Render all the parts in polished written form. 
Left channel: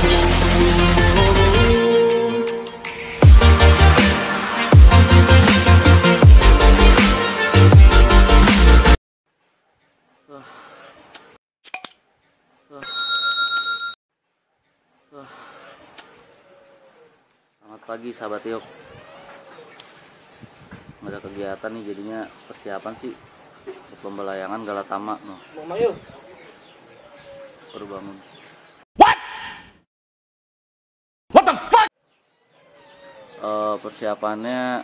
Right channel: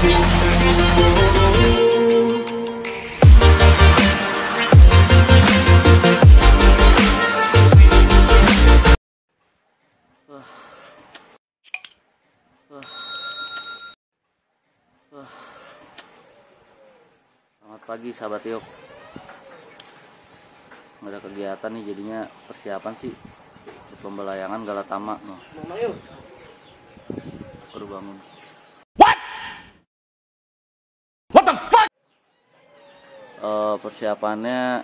Selamat pagi sahabat Yok. Nggak ada kegiatan nih, jadinya persiapan sih untuk lomba layangan Galatama. Baru bangun. What the fuck? Persiapannya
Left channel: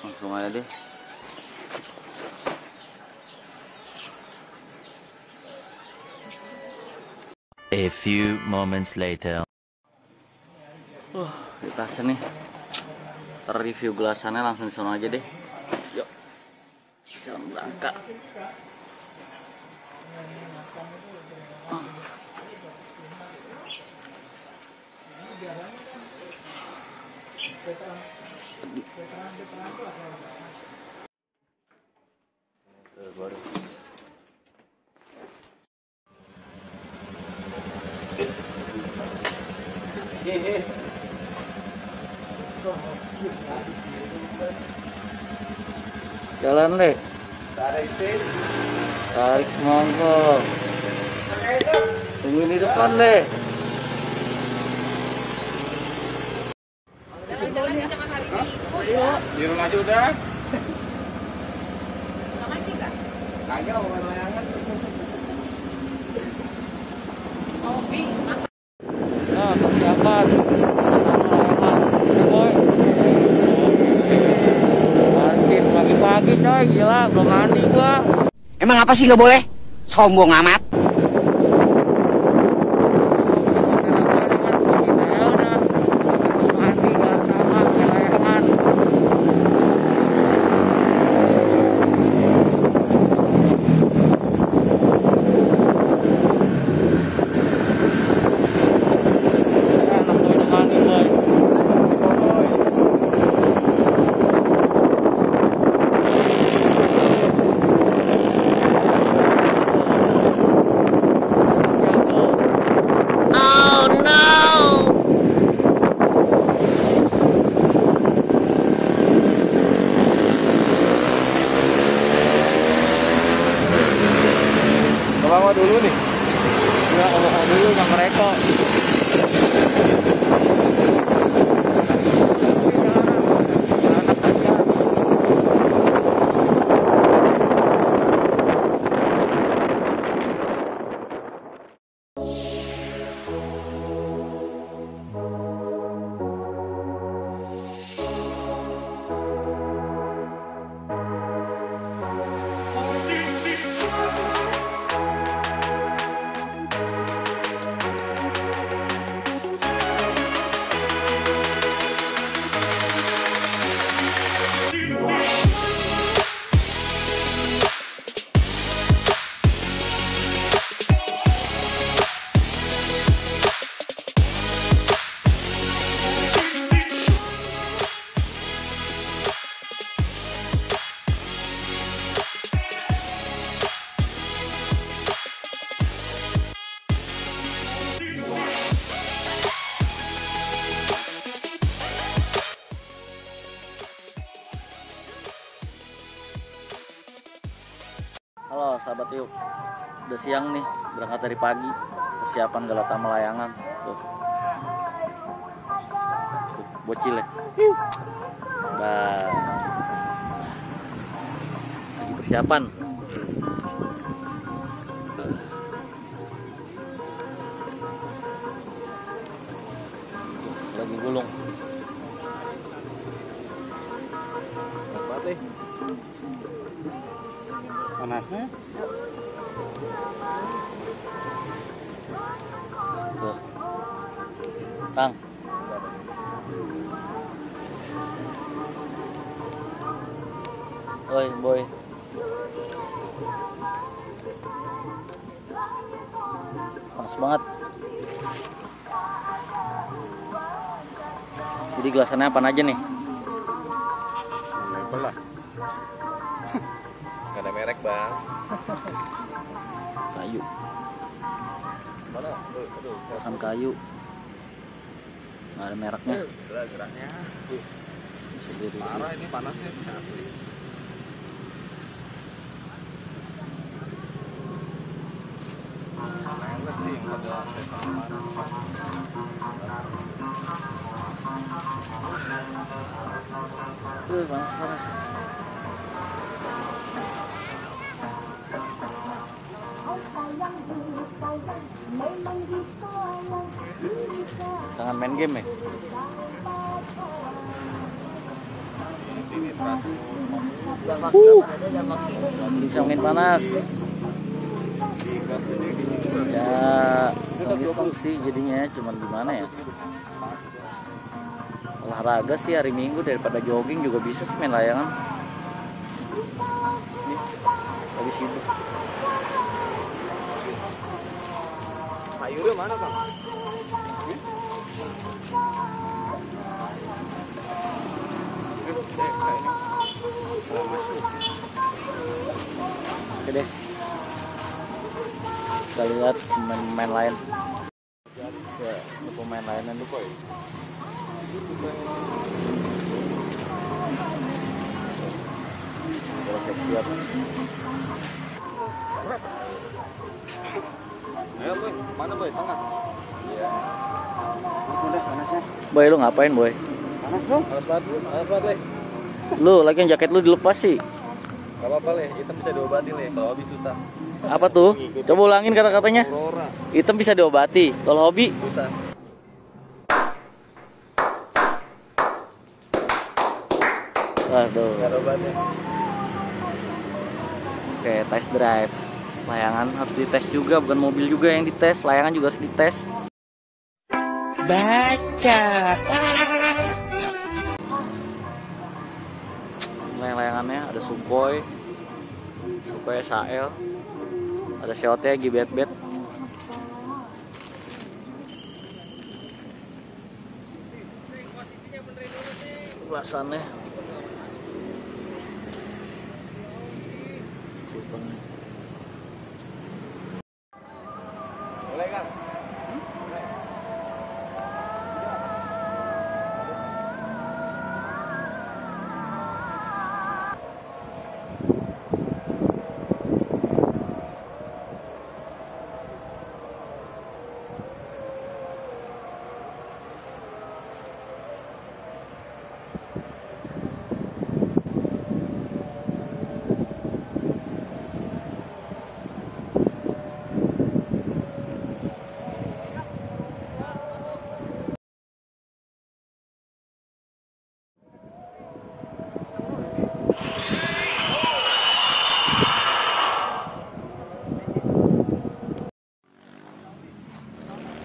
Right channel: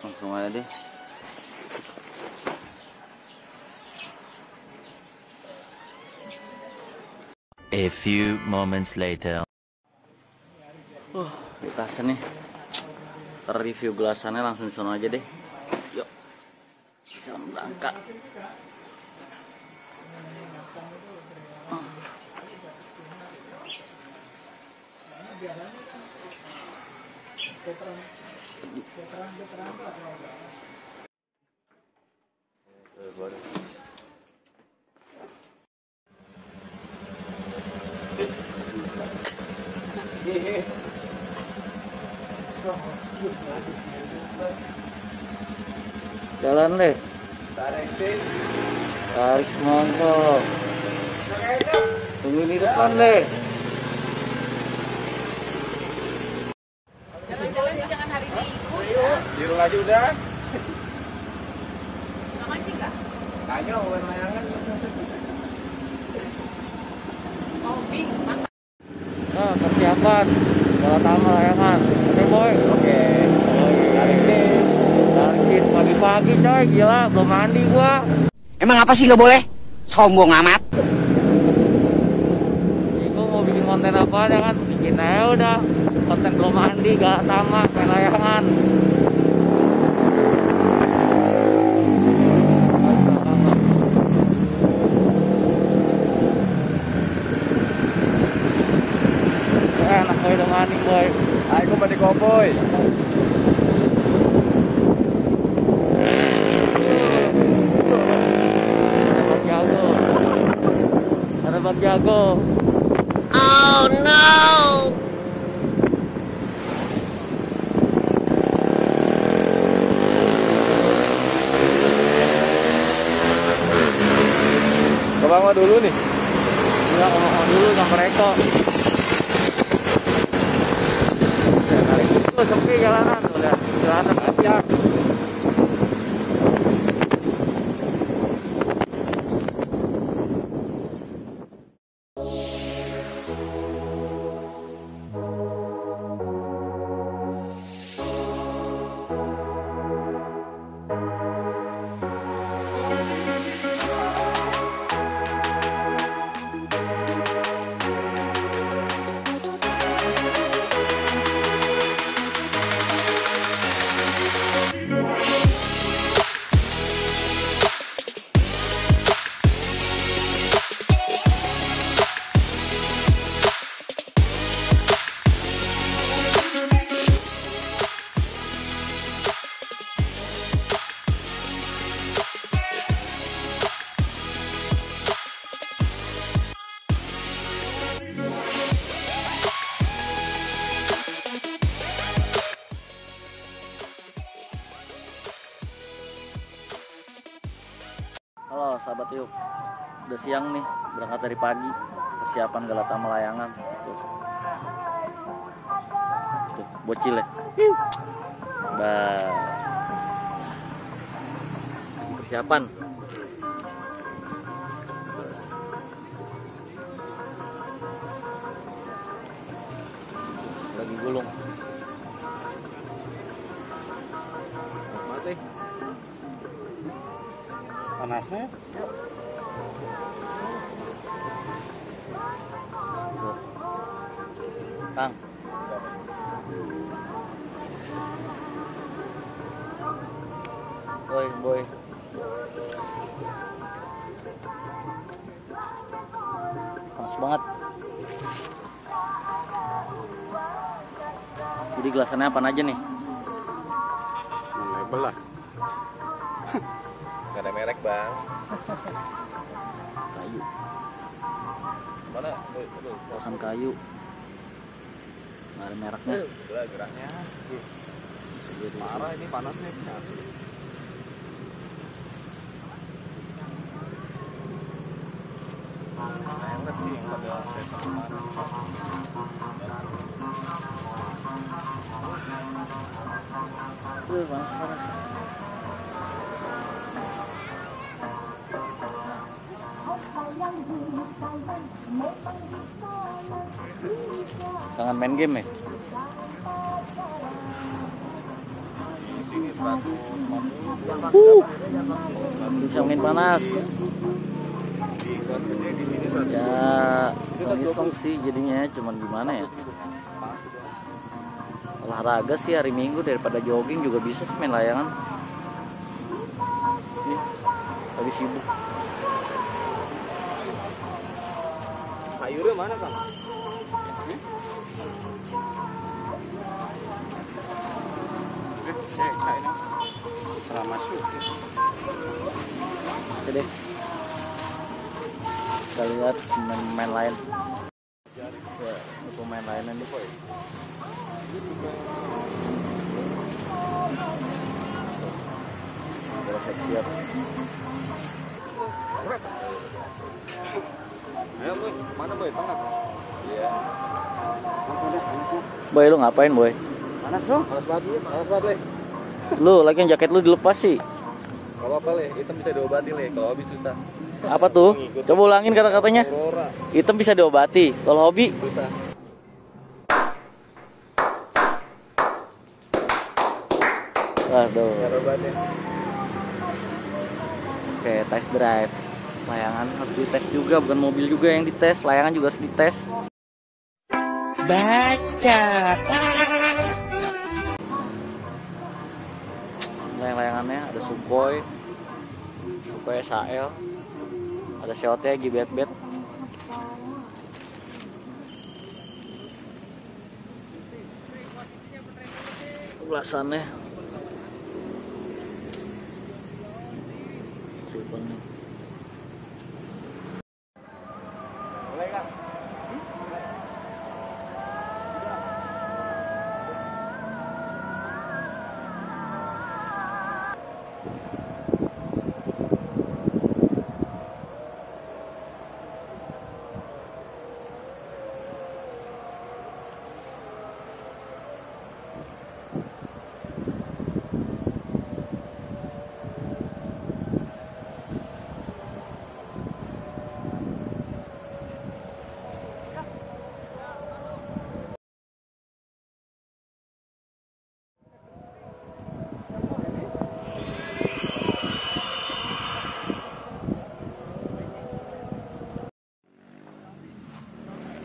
langsung aja deh. A few moments later. Di tasnya nih. Review gelasannya langsung di sana aja deh. Yuk. Jangan berangkat. Jalan deh. Tarik monggo. Tungguin di depan deh. Jalan-jalan jangan hari Minggu. Di rumah aja udah. Nggak mancing nggak? Kagak mau main layangan. Hobi, mas. Nah, persiapan Galatama layangan. Oke boy. Oke. Target pagi-pagi coy, gila belum mandi gua. Emang apa sih nggak boleh? Sombong amat. Itu mau bikin konten apa ya kan? Bikin aja udah. Sampai belum mandi Galatama main layangan. Enak boy, udah mandi boy. Ayo mandi koboi. Bawa dulu nih. Enggak, ngomong dulu yang mereka. Sepi jalanan. Jalanan aja. Halo sahabat Yuk, udah siang nih, berangkat dari pagi, persiapan Galatama layangan. Tuh, bocil ya. Bah, persiapan. Lagi gulung. Apa teh? Panasnya? Tuh. Bang. Oi, boy. Panas banget. Jadi gelasannya apa aja nih? Label lah. Gak ada merek bang. Kayu. Mana? Gelasan kayu. Nggak ada mereknya. Geraknya. Parah ini panas nih. Asli. Merek sih yang pada kemarin. Panas parah. Jangan main game ya. Bisa main panas. Ya, iseng-iseng sih jadinya, cuman gimana ya? Olahraga sih hari Minggu daripada jogging juga bisa sih main layangan. Lagi sibuk. Sayurnya mana Kang? Oke deh. Kita lihat pemain lain. Ya, pemain lainnya nih kok. Siap. Ayo boy, mana boy? Tengah. Iya. Boy, lu ngapain boy? Panas bro? Panas banget leh. Lu lagi jaket lu dilepas sih. Gak apa-apa leh, hitam bisa diobatin leh. Kalau hobi susah. Apa tuh? Coba ulangin kata-katanya. Hitam bisa diobati. Kalau hobi Susah. Waduh. Gak ada obatnya. Oke, test drive. Layangan harus dites juga, bukan mobil juga yang dites, layangan juga harus dites. Baca. Layangannya ada Sukhoi SAL, ada Seote Gibet-bet. Ulasannya Boleh kan?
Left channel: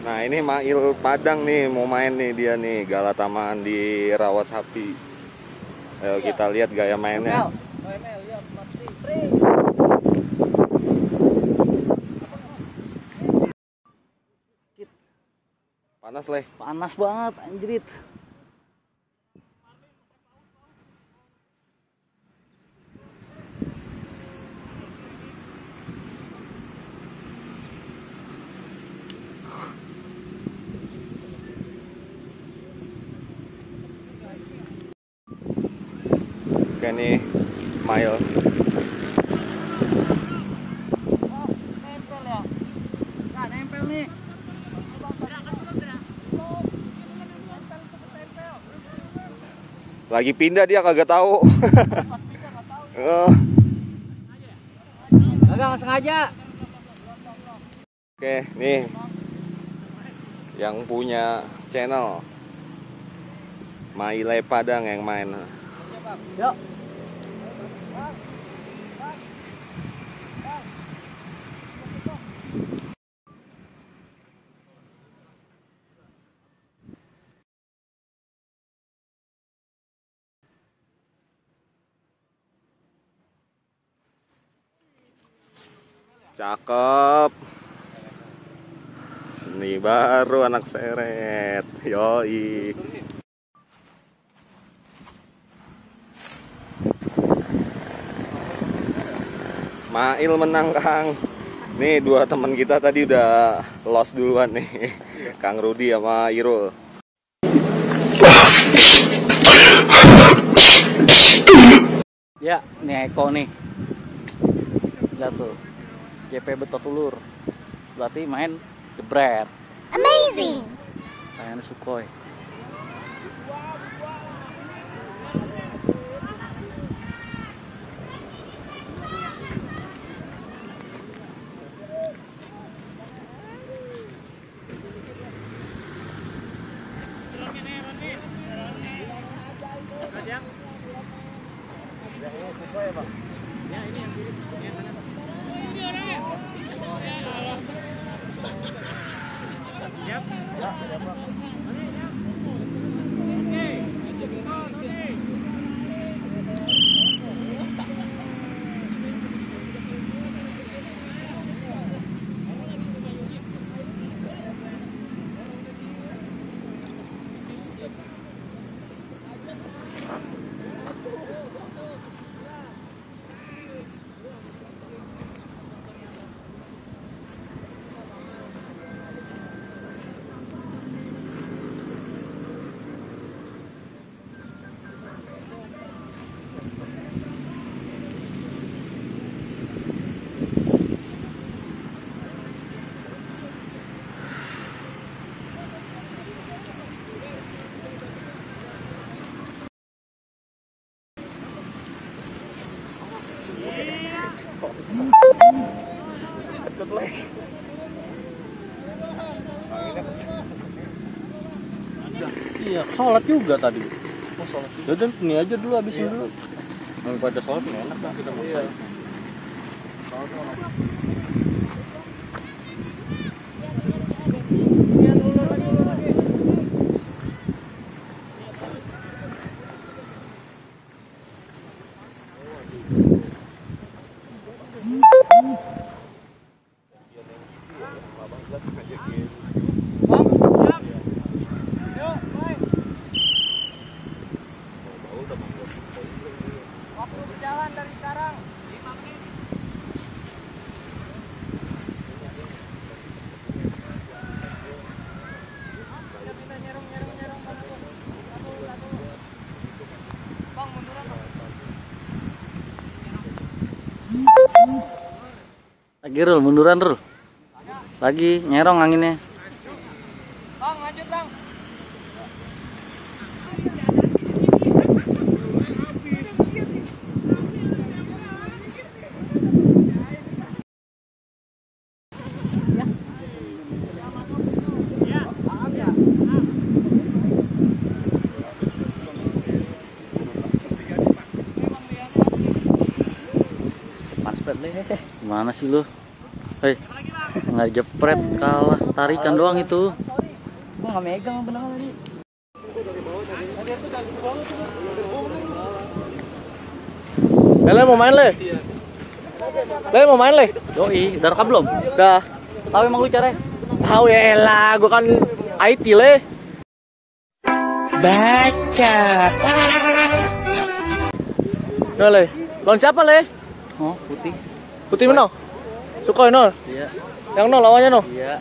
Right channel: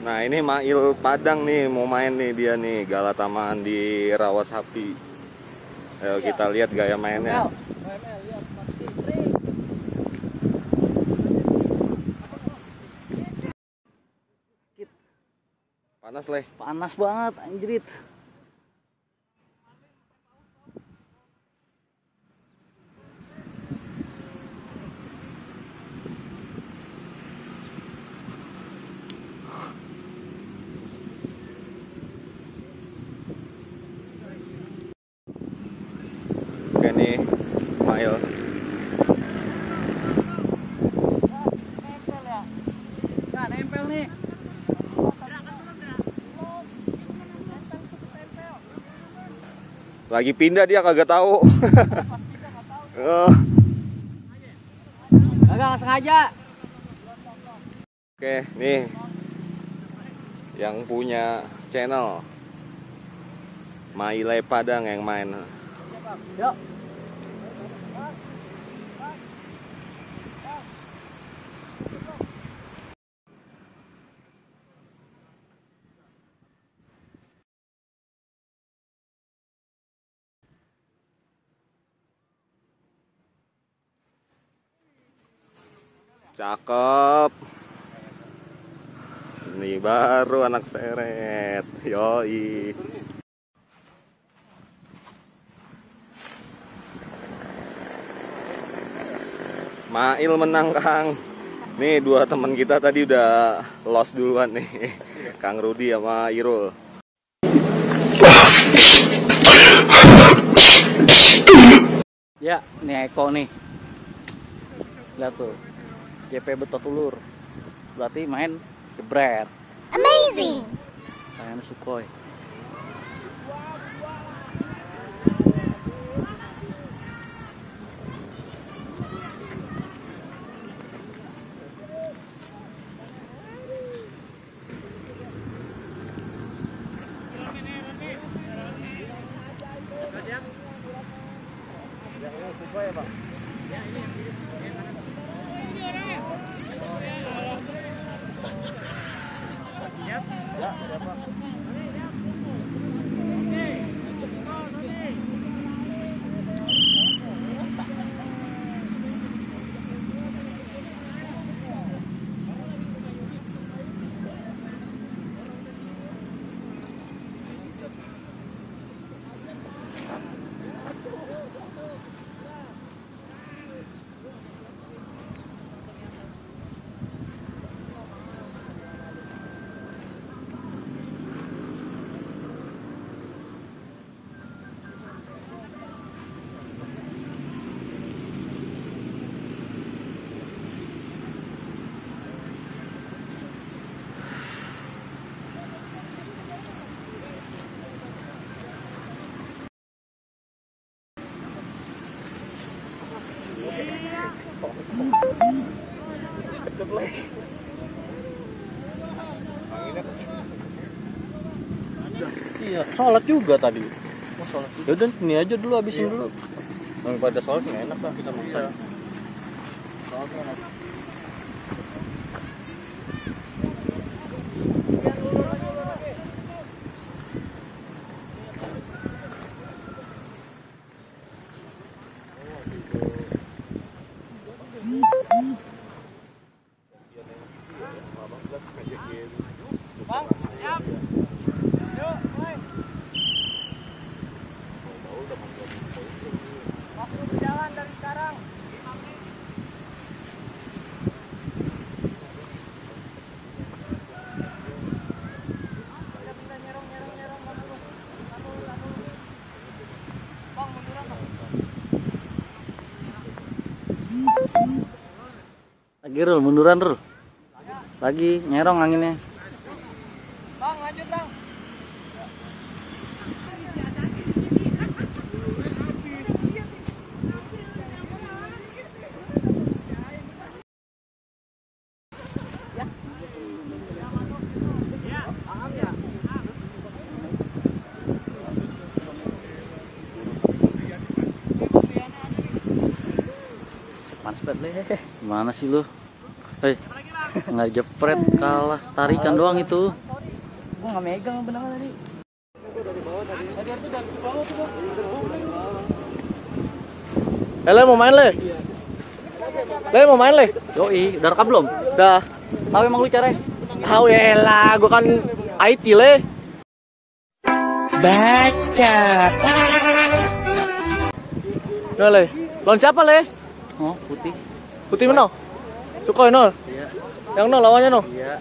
Nah ini Mail Padang nih, mau main nih dia nih, Galatamaan di Rawasapi. Ayo kita lihat gaya mainnya. Panas leh. panas banget anjrit. Oke nih Mail. Nah, nempel nih. Lagi pindah dia kagak tahu. Enggak sengaja. Oke, nih yang punya channel Maile Padang yang main. Yuk. Cakep. Ini baru anak seret. Yoi. Mail menang Kang. Nih dua teman kita tadi udah lost duluan nih. Kang Rudi sama Irul. Ya, ini Eko nih. Lihat tuh. JP betot ulur. Berarti main jebret. Amazing. Kayaknya Sukhoi. Iya, sholat juga tadi. Oh, sholat. Ya udah ini aja dulu, habisin dulu. Daripada sholat nggak enak lah kita maksa. Lagi Rul, munduran Rul. Lagi nyerong anginnya. Gimana sih lu? Hei, nggak jepret, kalah tarikan doang itu. Gua nggak megang benangnya tadi. Le mau main le? Le mau main le? Yoi, udah rekam belum? Dah. Tahu emang lu caranya? Tahu ya lah, gua kan IT le. Baca. Nah le, lawan siapa le? Oh, putih. Putih mana? Sukhoi no? Iya. Yang no lawannya no? Iya.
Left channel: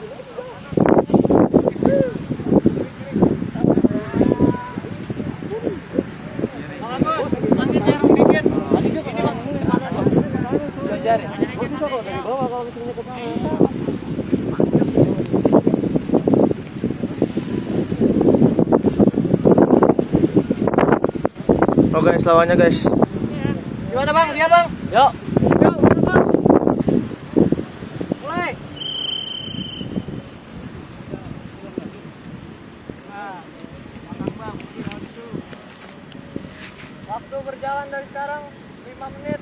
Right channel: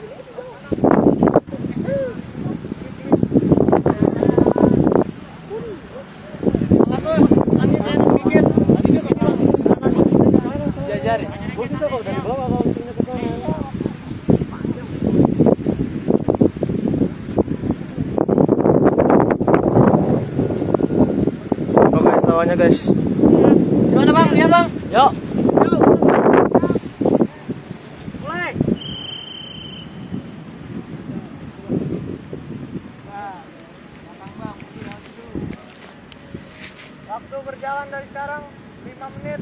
Oke, lawannya guys. Gimana bang? Siap bang? Yuk. Waktu berjalan dari sekarang 5 menit.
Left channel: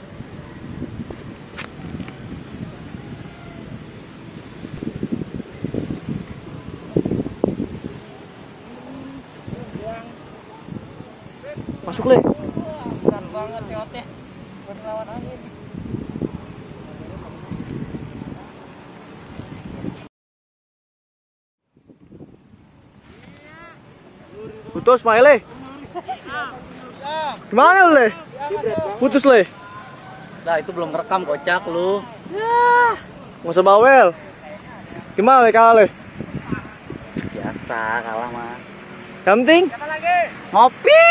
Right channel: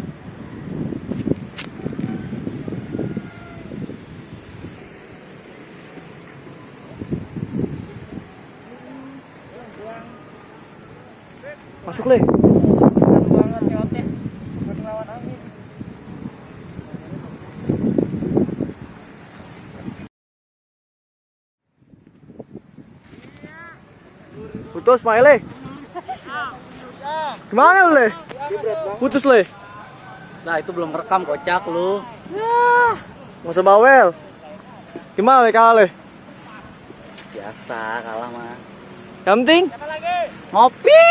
Masuk le. Banget nyotnya buat ngelawan angin. Putus main le. Gimana lu le? Putus le. Nah, itu belum rekam kocak lu. Nggak usah bawel. Gimana le kalah le? Biasa kalah mah. Yang penting Ngopi.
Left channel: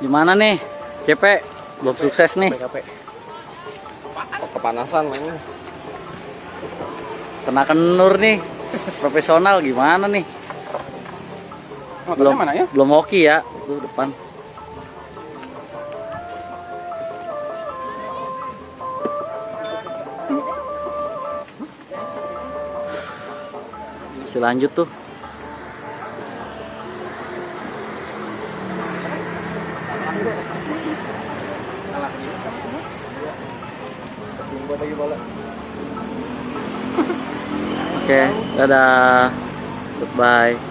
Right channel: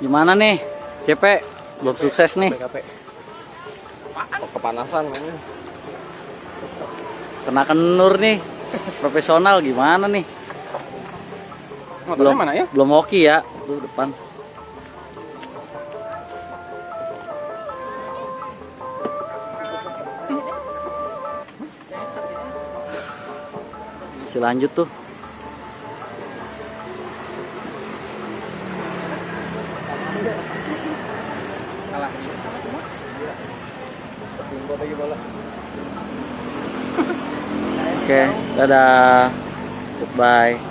Gimana nih, CP? Belum sukses nih. Kepanasan ini. Kena kenur nih. Profesional gimana nih? Belum mana ya? belum hoki ya, tuh depan. Masih lanjut tuh. Oke, dadah. Goodbye.